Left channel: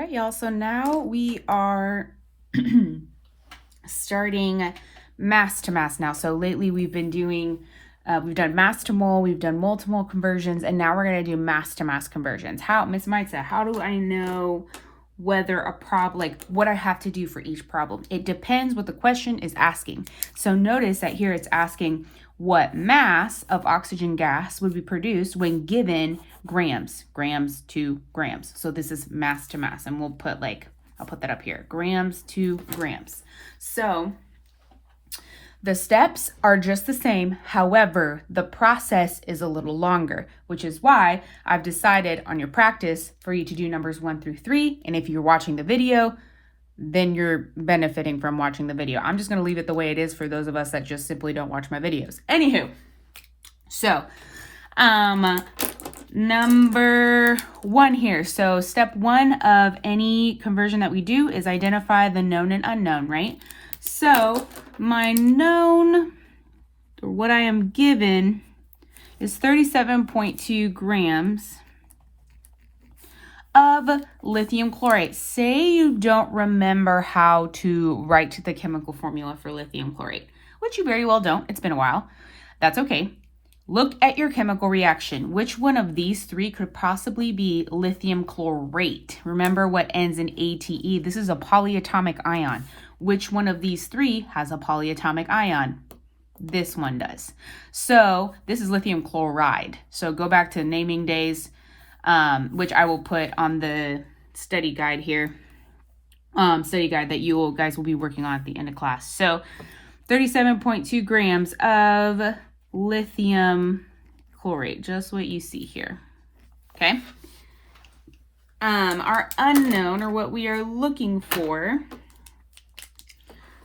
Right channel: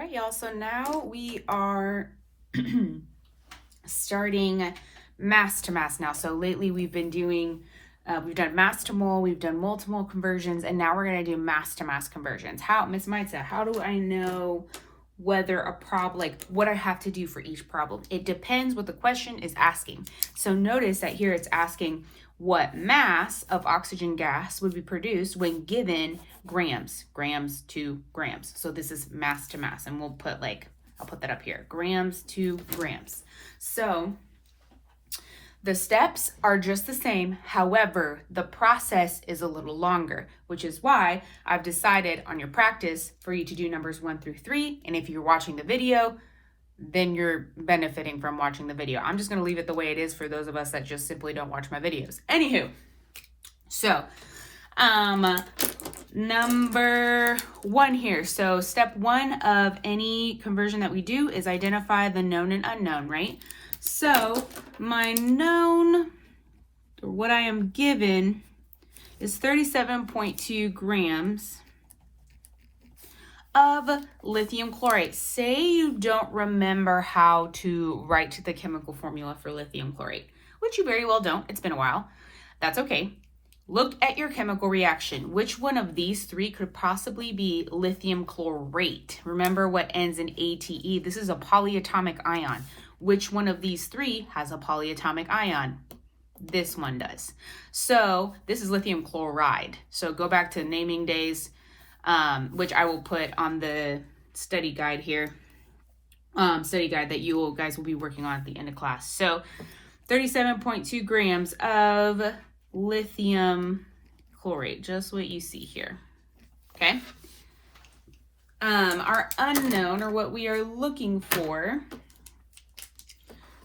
right, y'all. So now we are starting mass to mass now. So lately we've been doing, we've done mass to mole, we've done mole to mole conversions, and now we're going to do mass to mass conversions. How, Miss Maitza, how do I know whether a problem, like what I have to do for each problem? It depends what the question is asking. So notice that here it's asking what mass of oxygen gas would be produced when given grams to grams. So this is mass to mass, and we'll put I'll put that up here, grams to grams. So the steps are just the same. However, the process is a little longer, which is why I've decided on your practice for you to do numbers 1 through 3. And if you're watching the video, then you're benefiting from watching the video. I'm just going to leave it the way it is for those of us that just simply don't watch my videos. Anywho, so number 1 here. So step 1 of any conversion that we do is identify the known and unknown, right? So my known, or what I am given, is 37.2 grams of lithium chlorate. Say you don't remember how to write the chemical formula for lithium chlorate, which you very well don't. It's been a while. That's okay. Look at your chemical reaction. Which one of these 3 could possibly be lithium chlorate? Remember what ends in ATE. This is a polyatomic ion. Which one of these 3 has a polyatomic ion? This one does. So this is lithium chloride. So go back to naming days, which I will put on the study guide here, study guide that you guys will be working on at the end of class. So 37.2 grams of lithium chlorate, just what you see here. Okay. Our unknown, or what we are looking for.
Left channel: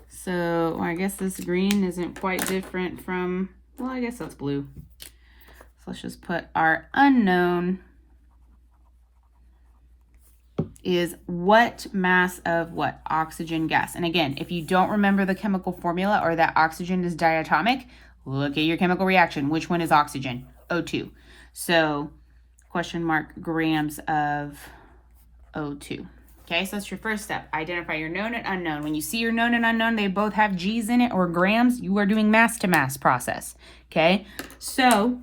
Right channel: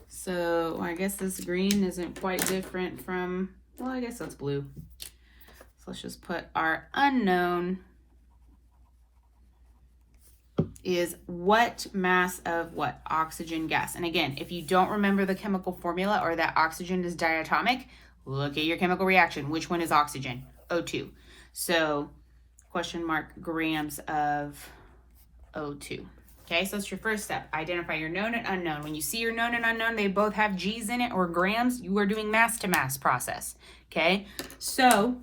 So I guess this green isn't quite different from, well, I guess that's blue. So let's just put our unknown is what mass of what? Oxygen gas. And again, if you don't remember the chemical formula or that oxygen is diatomic, look at your chemical reaction. Which one is oxygen? O2. So question mark grams of O2. Okay, so that's your first step. Identify your known and unknown. When you see your known and unknown, they both have G's in it or grams, you are doing mass to mass process. Okay, so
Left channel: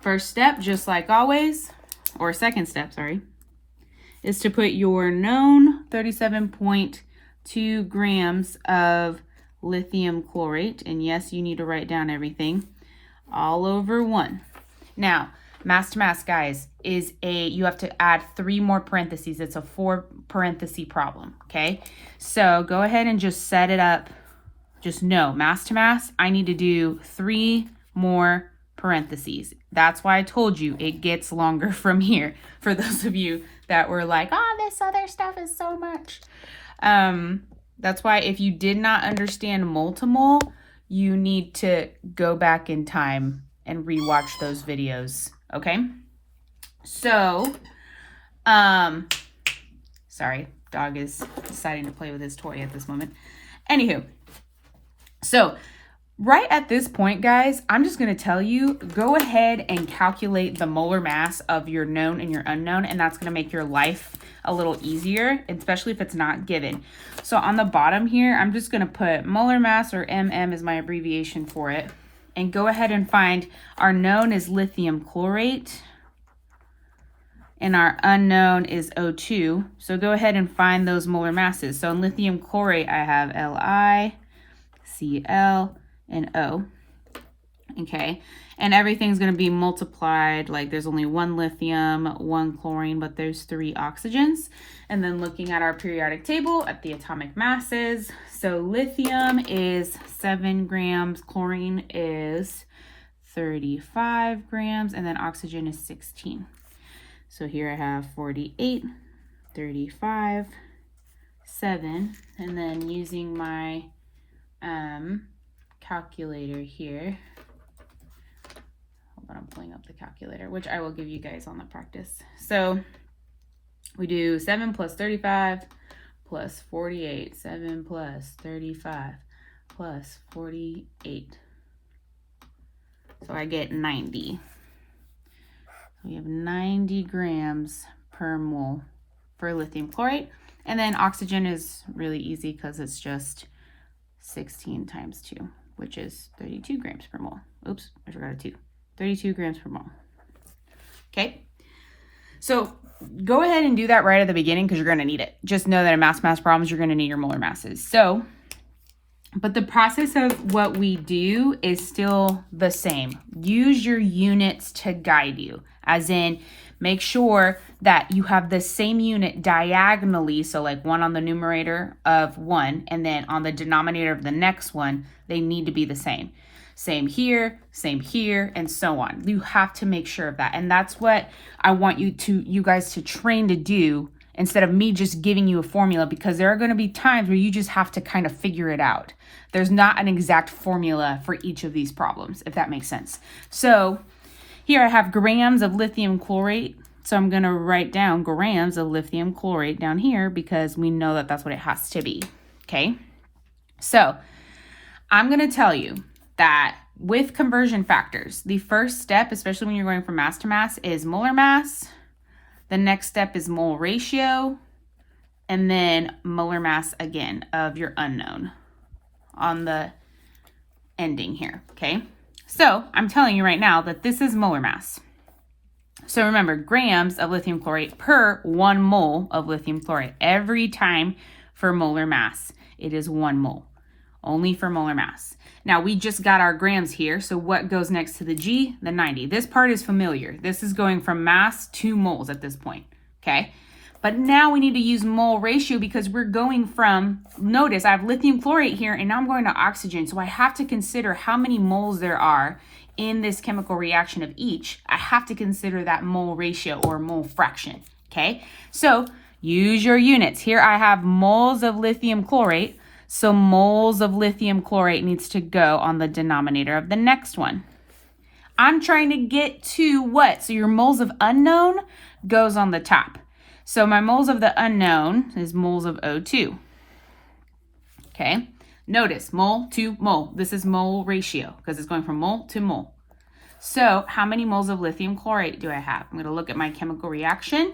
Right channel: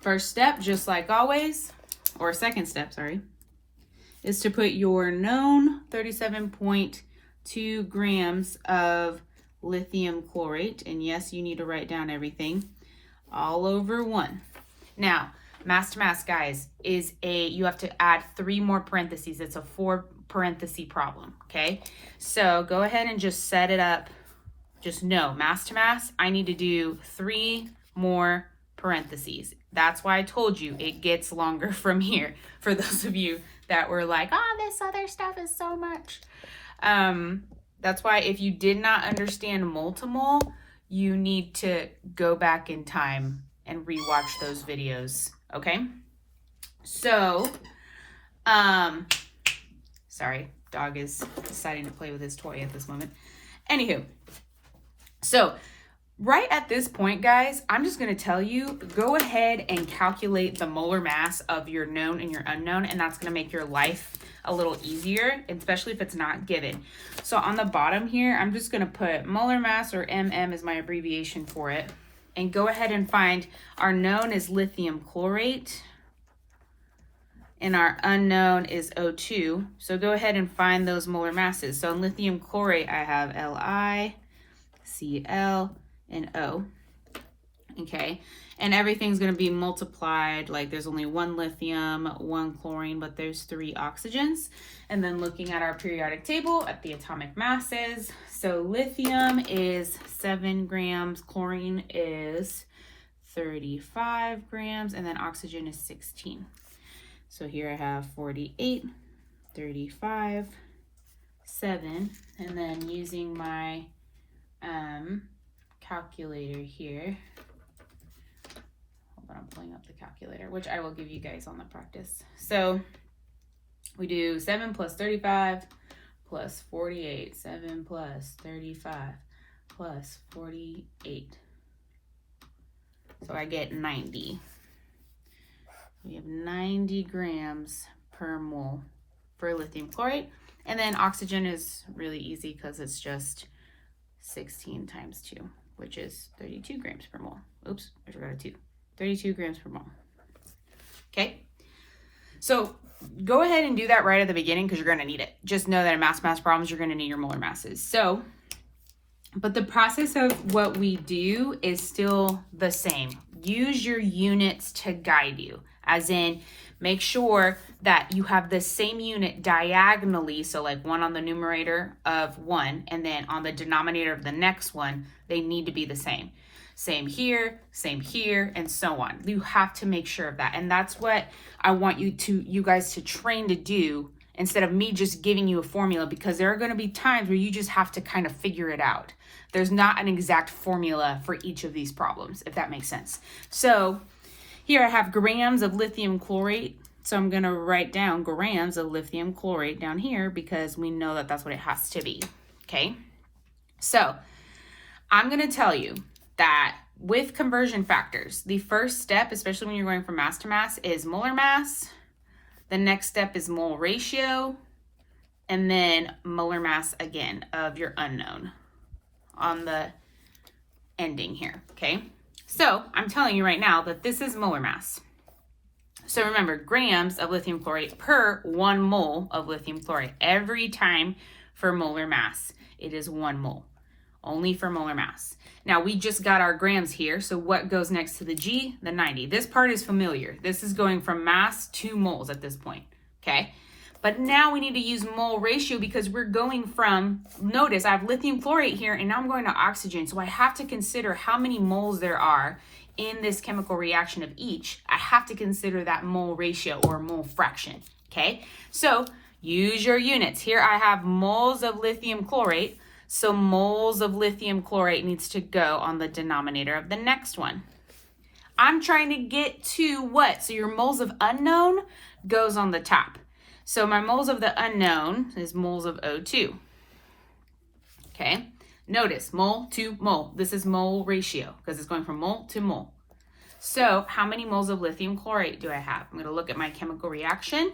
first step, just like always, or second step, sorry, is to put your known 37.2 grams of lithium chlorate, and yes, you need to write down everything, all over 1. Now, mass to mass, guys, is you have to add 3 more parentheses. It's a 4 parenthesis problem, okay? So go ahead and just set it up. Just know, mass to mass, I need to do 3 more parentheses. That's why I told you it gets longer from here. For those of you that were like, oh, this other stuff is so much. That's why if you did not understand mole to mole, you need to go back in time and rewatch those videos. Okay, so, sorry, dog is deciding to play with his toy at this moment. Anywho, so right at this point, guys, I'm just going to tell you, go ahead and calculate the molar mass of your known and your unknown, and that's going to make your life a little easier, especially if it's not given. So on the bottom here, I'm just going to put molar mass, or MM is my abbreviation for it. And go ahead and find our known is lithium chlorate and our unknown is O2. So go ahead and find those molar masses. So in lithium chlorate, I have Li, Cl, and O. Okay, and everything's going to be multiplied. Like there's only 1 lithium, 1 chlorine, but there's 3 oxygens. And then looking at our periodic table at the atomic masses, so lithium is 7 grams, chlorine is 35 grams, and then oxygen is 16. So here I have 48, 35, 7, and then using my calculator here. Hold on, I'm pulling up the calculator, which I will give you guys on the practice. So we do 7 plus 35 plus 48, 7 plus 35 plus 48. So I get 90. We have 90 grams per mole for lithium chlorate. And then oxygen is really easy because it's just 16 times 2, which is 32 grams per mole. Oops, I forgot a 2. 32 grams per mole. Okay, so go ahead and do that right at the beginning because you're going to need it. Just know that in mass problems, you're going to need your molar masses. So, but the process of what we do is still the same. Use your units to guide you, as in make sure that you have the same unit diagonally. So like 1 on the numerator of 1, and then on the denominator of the next one, they need to be the same. Same here, and so on. You have to make sure of that. And that's what I want you guys to train to do instead of me just giving you a formula, because there are going to be times where you just have to kind of figure it out. There's not an exact formula for each of these problems, if that makes sense. So here I have grams of lithium chlorate. So I'm going to write down grams of lithium chlorate down here because we know that that's what it has to be. Okay. So I'm going to tell you that with conversion factors, the first step, especially when you're going from mass to mass, is molar mass. The next step is mole ratio, and then molar mass again of your unknown on the ending here, okay? So I'm telling you right now that this is molar mass. So remember, grams of lithium chlorate per 1 mole of lithium chlorate. Every time for molar mass, it is 1 mole, only for molar mass. Now we just got our grams here, so what goes next to the G? The 90. This part is familiar. This is going from mass to moles at this point, okay? But now we need to use mole ratio because we're going from, notice I have lithium chlorate here and now I'm going to oxygen. So I have to consider how many moles there are in this chemical reaction of each. I have to consider that mole ratio or mole fraction, okay? So use your units. Here I have moles of lithium chlorate. So moles of lithium chlorate needs to go on the denominator of the next one. I'm trying to get to what? So your moles of unknown goes on the top. So my moles of the unknown is moles of O2. Okay, notice mole to mole. This is mole ratio because it's going from mole to mole. So how many moles of lithium chlorate do I have? I'm going to look at my chemical reaction.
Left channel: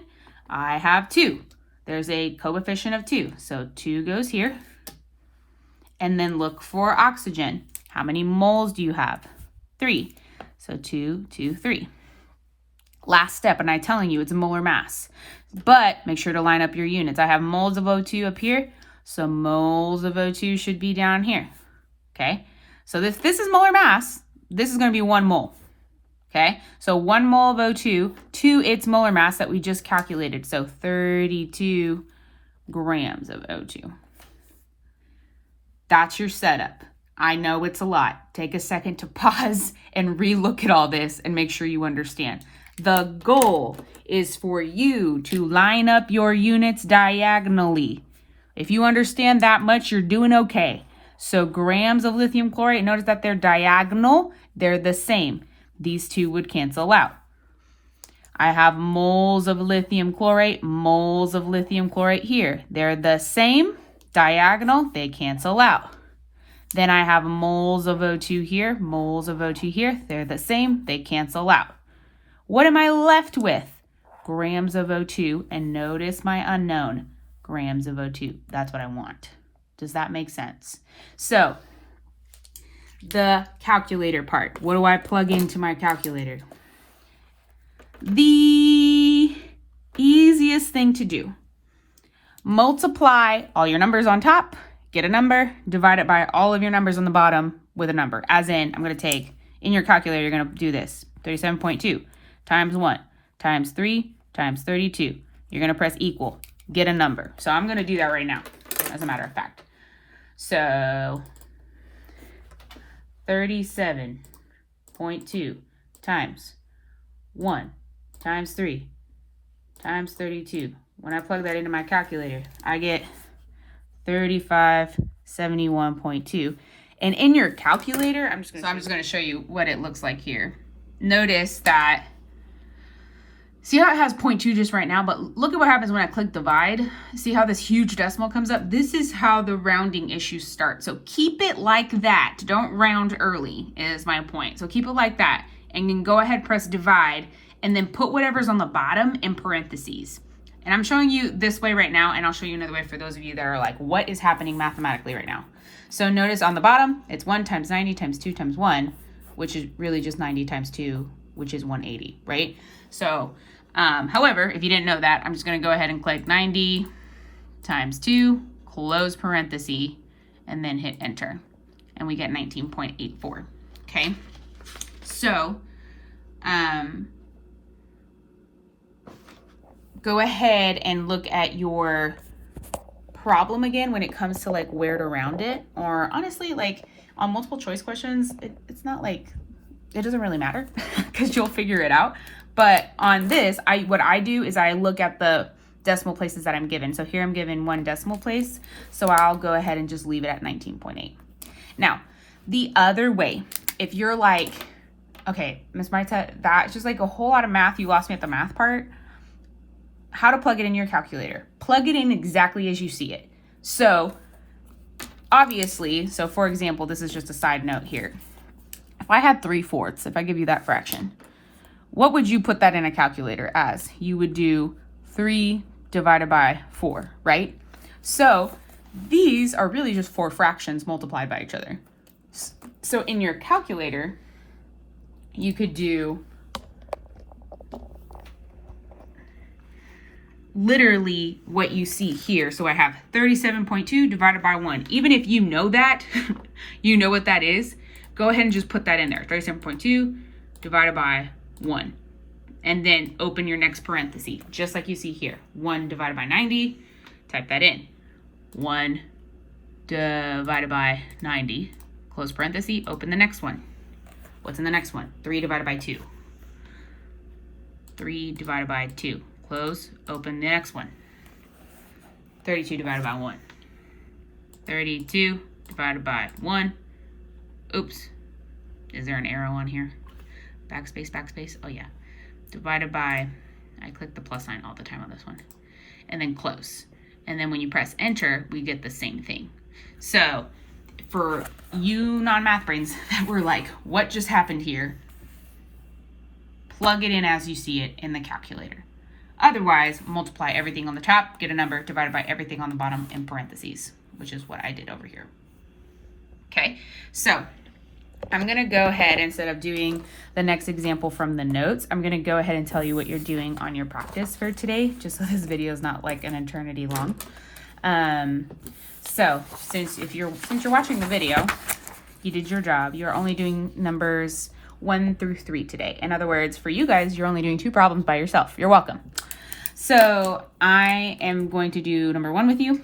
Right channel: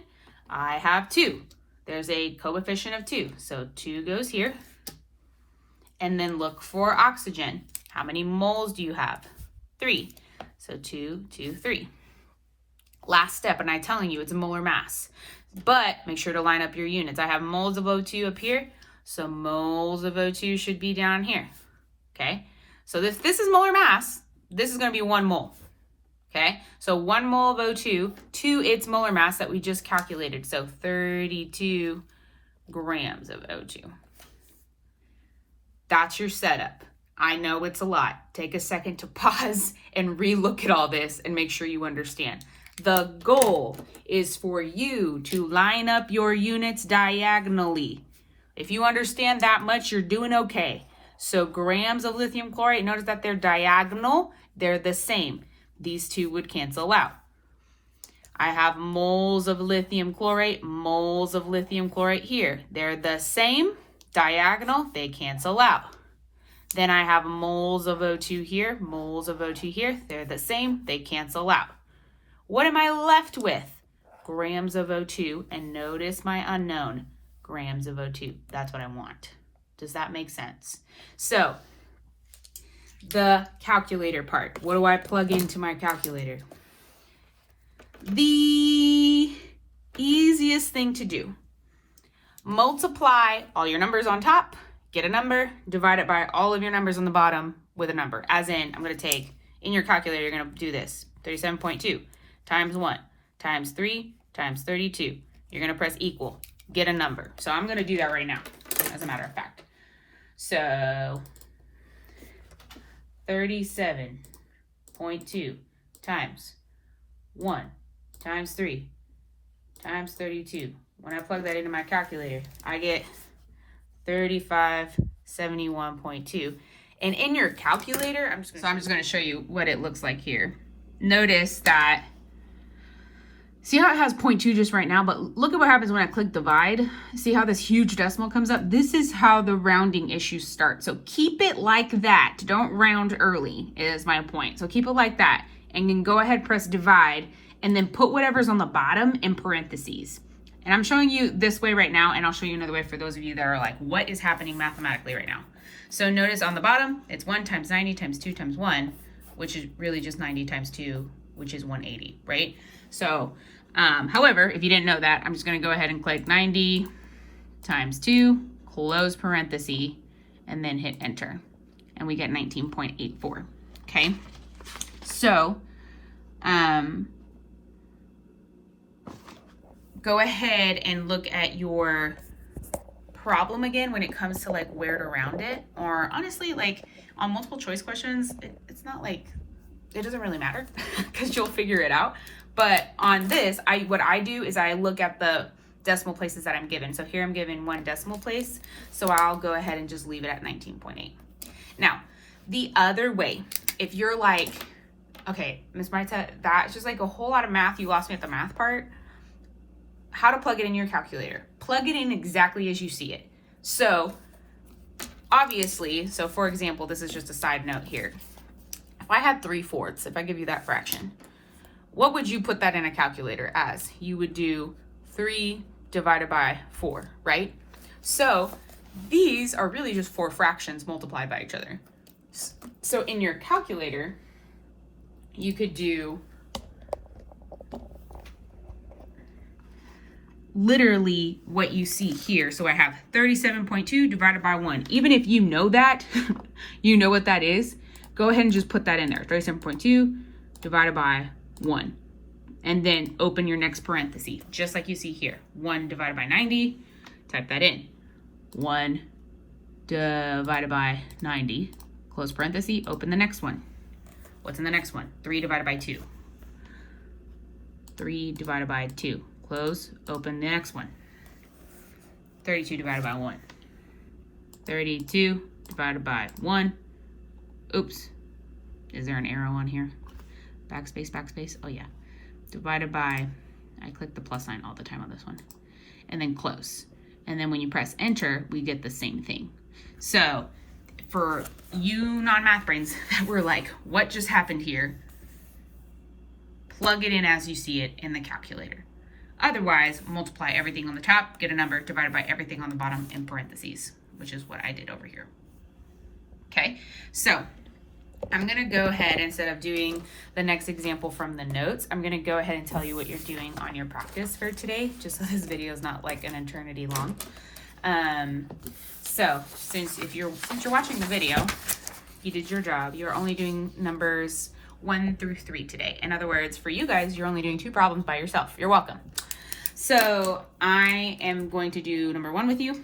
I have 2. There's a coefficient of 2. So 2 goes here. And then look for oxygen. How many moles do you have? 3. So 2, 2, 3. Last step, and I'm telling you it's a molar mass. But make sure to line up your units. I have moles of O2 up here, so moles of O2 should be down here. Okay, so this is molar mass. This is going to be 1 mole. Okay, so 1 mole of O2 to its molar mass that we just calculated. So 32 grams of O2. That's your setup. I know it's a lot. Take a second to pause and re-look at all this and make sure you understand. The goal is for you to line up your units diagonally. If you understand that much, you're doing okay. So grams of lithium chlorate, notice that they're diagonal. They're the same. These 2 would cancel out. I have moles of lithium chlorate here. They're the same. Diagonal, they cancel out. Then I have moles of O2 here, they're the same, they cancel out. What am I left with? Grams of O2, and notice my unknown, grams of O2. That's what I want. Does that make sense? So, the calculator part. What do I plug into my calculator? The easiest thing to do. Multiply all your numbers on top, get a number, divide it by all of your numbers on the bottom with a number. As in, I'm going to take, in your calculator, you're going to do this. 37.2 times 1 times 3 times 32. You're going to press equal. Get a number. So I'm going to do that right now, as a matter of fact. So 37.2 times 1 times 3 times 32. When I plug that into my calculator, I get 3571.2. And in your calculator, I'm just going to show you what it looks like here. Notice that, see how it has 0.2 just right now, but look at what happens when I click divide. See how this huge decimal comes up? This is how the rounding issues start. So keep it like that. Don't round early is my point. So keep it like that. And then go ahead, press divide, and then put whatever's on the bottom in parentheses. And I'm showing you this way right now, and I'll show you another way for those of you that are like, what is happening mathematically right now? So notice on the bottom, it's 1 times 90 times 2 times 1, which is really just 90 times 2, which is 180, right? So, however, if you didn't know that, I'm just going to go ahead and click 90 times 2, close parenthesis, and then hit enter. And we get 19.84, okay? So, go ahead and look at your problem again when it comes to like where to round it. Or honestly, like on multiple choice questions, it's not like, it doesn't really matter because you'll figure it out. But on this, what I do is I look at the decimal places that I'm given. So here I'm given 1 decimal place. So I'll go ahead and just leave it at 19.8. Now, the other way, if you're like, okay, Ms. Marta, that's just like a whole lot of math. You lost me at the math part. How to plug it in your calculator. Plug it in exactly as you see it. So obviously, so for example, this is just a side note here. If I had 3/4, if I give you that fraction, what would you put that in a calculator as? You would do 3 divided by 4, right? So these are really just 4 fractions multiplied by each other. So in your calculator, you could do literally what you see here. So I have 37.2 divided by 1. Even if you know that, you know what that is, go ahead and just put that in there. 37.2 divided by 1. And then open your next parenthesis, just like you see here. 1 divided by 90, type that in. 1 divided by 90, close parenthesis, open the next one. What's in the next one? 3 divided by 2. 3 divided by 2. Close, open the next one. 32 divided by 1. 32 divided by 1. Oops. Is there an arrow on here? Backspace, backspace. Oh, yeah. Divided by, I click the plus sign all the time on this one. And then close. And then when you press enter, we get the same thing. So for you non-math brains that were like, what just happened here? Plug it in as you see it in the calculator. Otherwise, multiply everything on the top, get a number, divided by everything on the bottom in parentheses, which is what I did over here. Okay, so I'm going to go ahead, instead of doing the next example from the notes, I'm going to go ahead and tell you what you're doing on your practice for today, just so this video is not like an eternity long. So since you're watching the video, you did your job. You're only doing numbers 1 through 3 today. In other words, for you guys, you're only doing 2 problems by yourself. You're welcome. So I am going to do number 1 with you.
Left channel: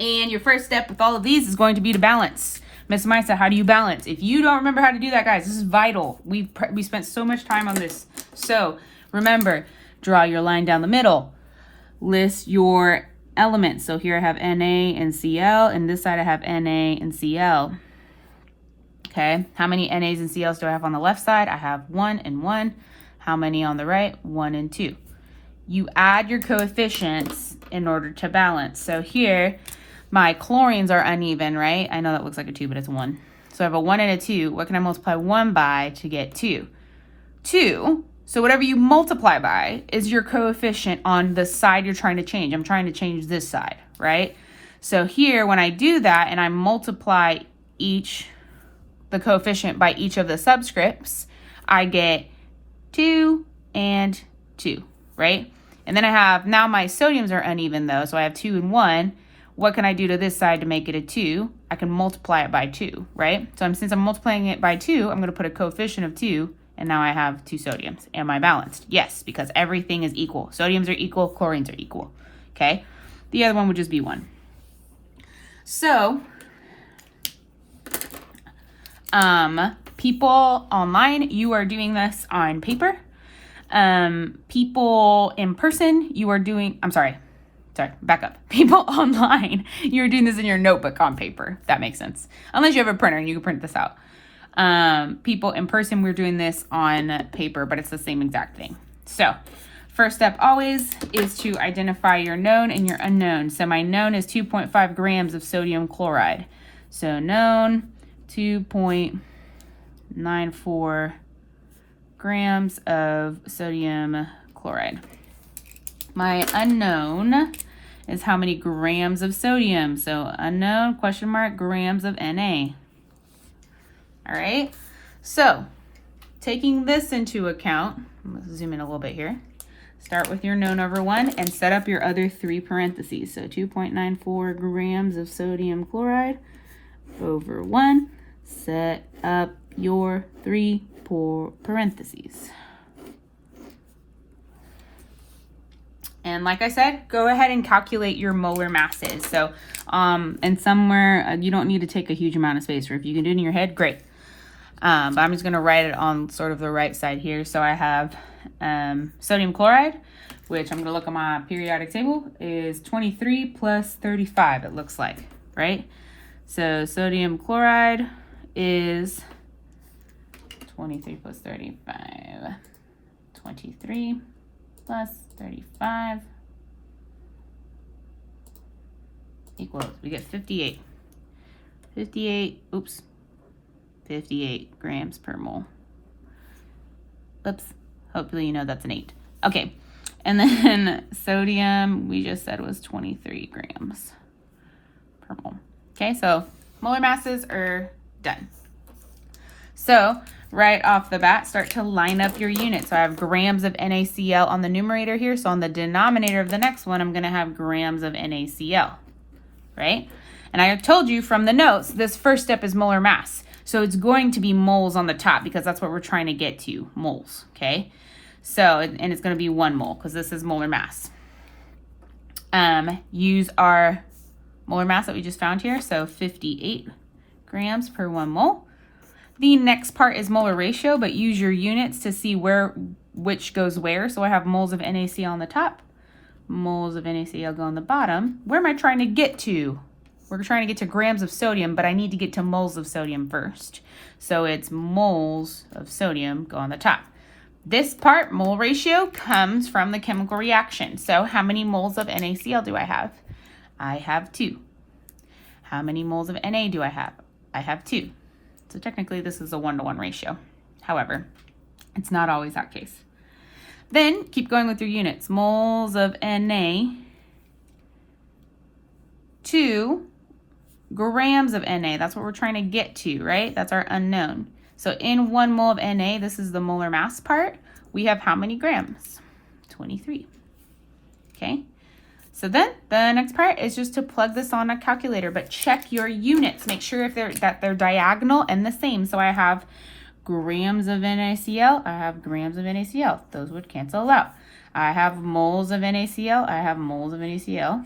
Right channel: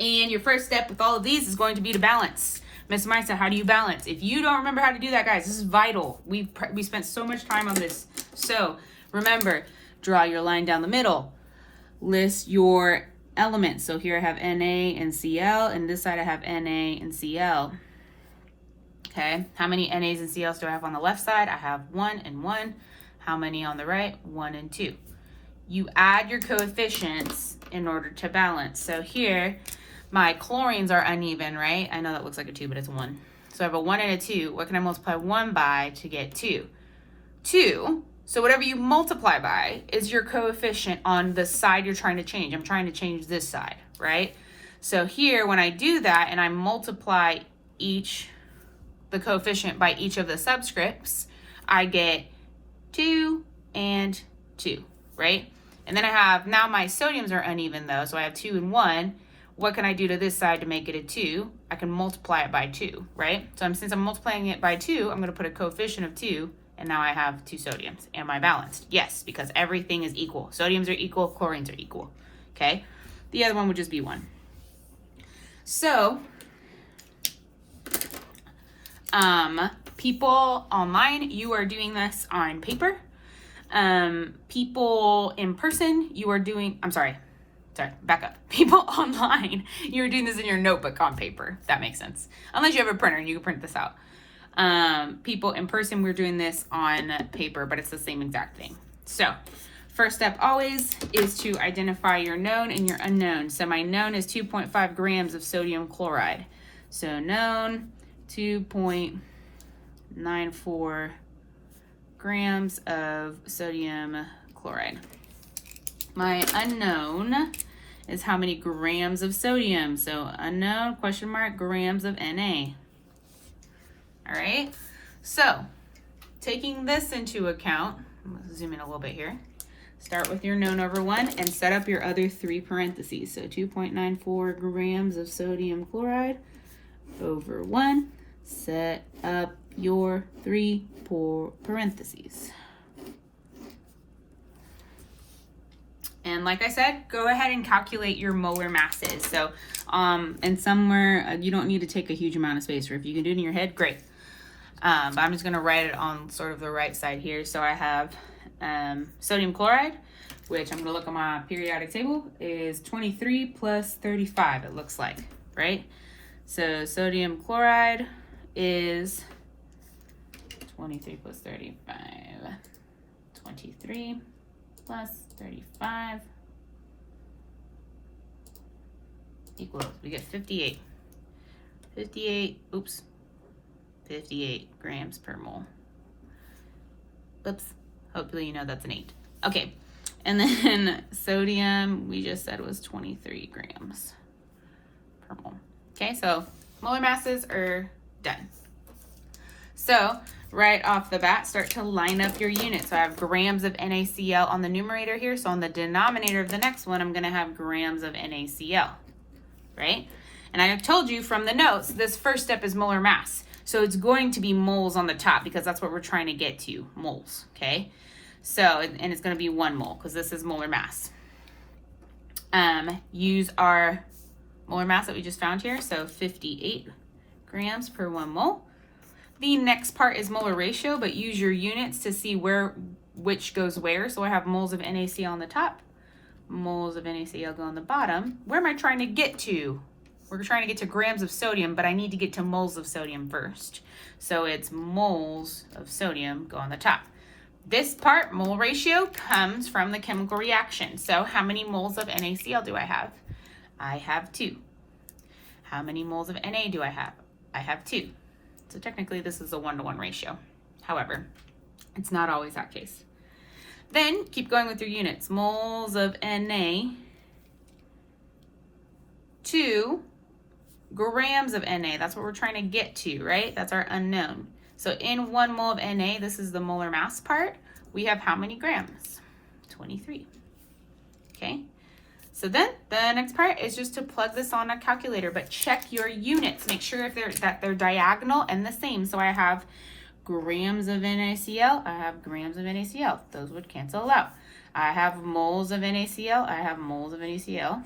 And your first step with all of these is going to be to balance. Ms. Maisa, how do you balance? If you don't remember how to do that, guys, this is vital. We spent so much time on this. So remember, draw your line down the middle. List your elements. So here I have Na and Cl, and this side I have Na and Cl. Okay, how many NAs and CLs do I have on the left side? I have 1 and 1. How many on the right? 1 and 2. You add your coefficients in order to balance. So here, my chlorines are uneven, right? I know that looks like a 2, but it's 1. So I have a 1 and a 2. What can I multiply 1 by to get 2? 2. So whatever you multiply by is your coefficient on the side you're trying to change. I'm trying to change this side, right? So here, when I do that and I multiply the coefficient by each of the subscripts, I get 2 and 2, right? And then I have, now my sodiums are uneven though, so I have 2 and 1. What can I do to this side to make it a 2? I can multiply it by 2, right? So since I'm multiplying it by 2, I'm going to put a coefficient of 2, and now I have 2 sodiums. Am I balanced? Yes, because everything is equal. Sodiums are equal, chlorines are equal, okay? The other one would just be 1. So, people online, you are doing this on paper. People in person, you are doing, back up. People online, you're doing this in your notebook on paper. That makes sense. Unless you have a printer and you can print this out. People in person, we're doing this on paper, but it's the same exact thing. So first step always is to identify your known and your unknown. So my known is 2.5 grams of sodium chloride. So known, 2.94 grams of sodium chloride. My unknown is how many grams of sodium. So unknown, question mark, grams of Na. All right, so taking this into account, let's zoom in a little bit here. Start with your known over 1 and set up your other 3 parentheses. So 2.94 grams of sodium chloride over 1. Set up your 3 parentheses. And like I said, go ahead and calculate your molar masses. So, and somewhere, you don't need to take a huge amount of space, or if you can do it in your head, great. But I'm just gonna write it on sort of the right side here. So I have sodium chloride, which I'm gonna look at my periodic table, is 23 plus 35, it looks like, right? So sodium chloride is 23 plus 35, 23 plus 35 equals, we get 58. 58 grams per mole. Oops, hopefully you know that's an 8. Okay, and then sodium, we just said was 23 grams per mole. Okay, so molar masses are done. So right off the bat, start to line up your units. So I have grams of NaCl on the numerator here. So on the denominator of the next one, I'm going to have grams of NaCl, right? And I told you from the notes, this first step is molar mass. So it's going to be moles on the top because that's what we're trying to get to, moles, okay? So, and it's going to be 1 mole because this is molar mass. Use our molar mass that we just found here. So 58 grams per 1 mole. The next part is molar ratio, but use your units to see which goes where. So I have moles of NaCl on the top, moles of NaCl go on the bottom. Where am I trying to get to? We're trying to get to grams of sodium, but I need to get to moles of sodium first. So it's moles of sodium go on the top. This part, mole ratio, comes from the chemical reaction. So how many moles of NaCl do I have? I have 2. How many moles of Na do I have? I have 2. So technically this is a 1-to-1 ratio. However, it's not always that case. Then keep going with your units. Moles of Na to grams of Na. That's what we're trying to get to, right? That's our unknown. So in 1 mole of Na, this is the molar mass part, we have how many grams? 23. Okay. So then the next part is just to plug this on a calculator, but check your units. Make sure that they're diagonal and the same. So I have grams of NaCl, I have grams of NaCl. Those would cancel out. I have moles of NaCl, I have moles of NaCl.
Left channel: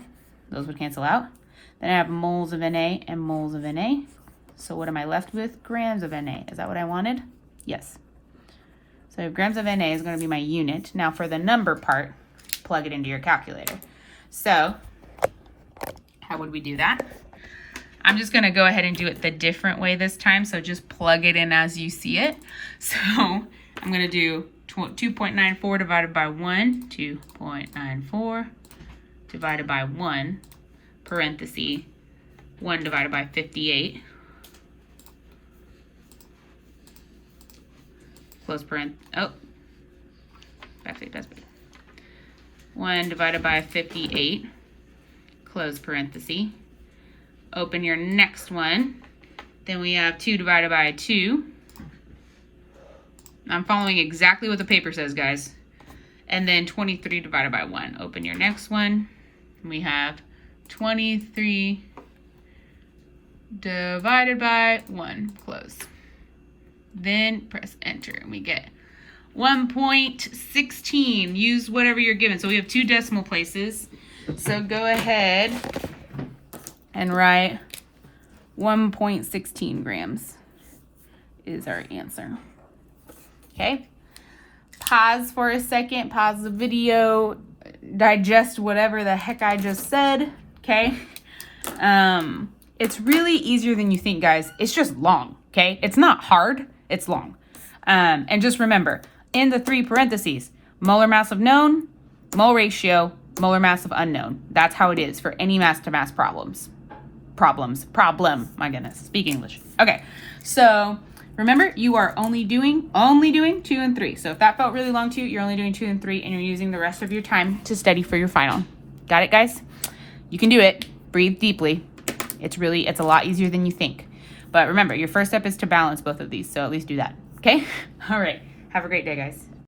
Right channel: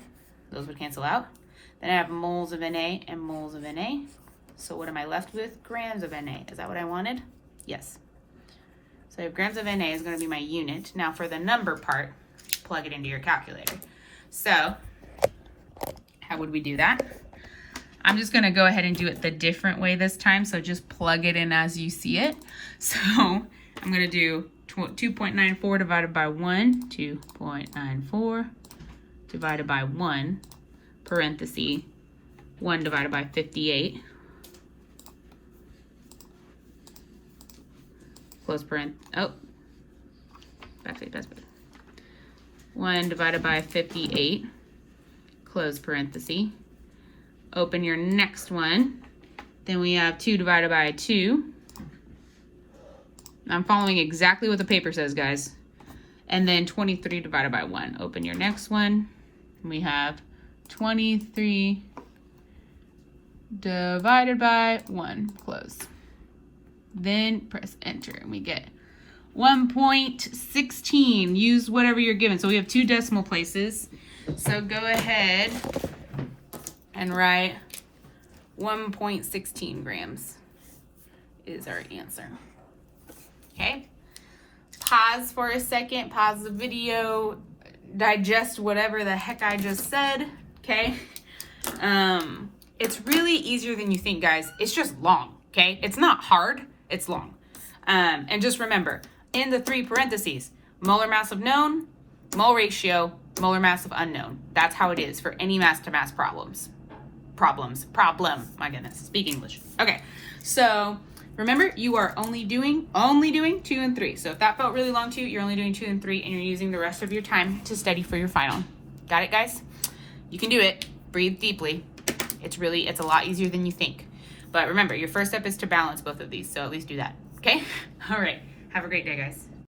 Those would cancel out. Then I have moles of Na and moles of Na. So what am I left with? Grams of Na. Is that what I wanted? Yes. So grams of Na is going to be my unit. Now for the number part, plug it into your calculator. So how would we do that? I'm just going to go ahead and do it the different way this time. So just plug it in as you see it. So I'm going to do 2.94 divided by 1, 2.94 divided by 1, parenthesis, 1 divided by 58, close parenthesis, oh, backspace. 1 divided by 58, close parenthesis, open your next one, then we have 2 divided by 2. I'm following exactly what the paper says, guys. And then 23 divided by 1. Open your next one. We have 23 divided by 1. Close. Then press enter and we get 1.16. Use whatever you're given. So we have 2 decimal places. So go ahead and write 1.16 grams is our answer. Okay, pause for a second, pause the video, digest whatever the heck I just said, okay? It's really easier than you think, guys. It's just long, okay? It's not hard, it's long. And just remember, in the 3 parentheses, molar mass of known, mole ratio, molar mass of unknown. That's how it is for any mass-to-mass problem. My goodness, speak English. Okay, so Remember, you are only doing 2 and 3. So if that felt really long to you, you're only doing 2 and 3, and you're using the rest of your time to study for your final. Got it, guys? You can do it. Breathe deeply. It's a lot easier than you think. But remember, your first step is to balance both of these. So at least do that. Okay? All right. Have a great day, guys.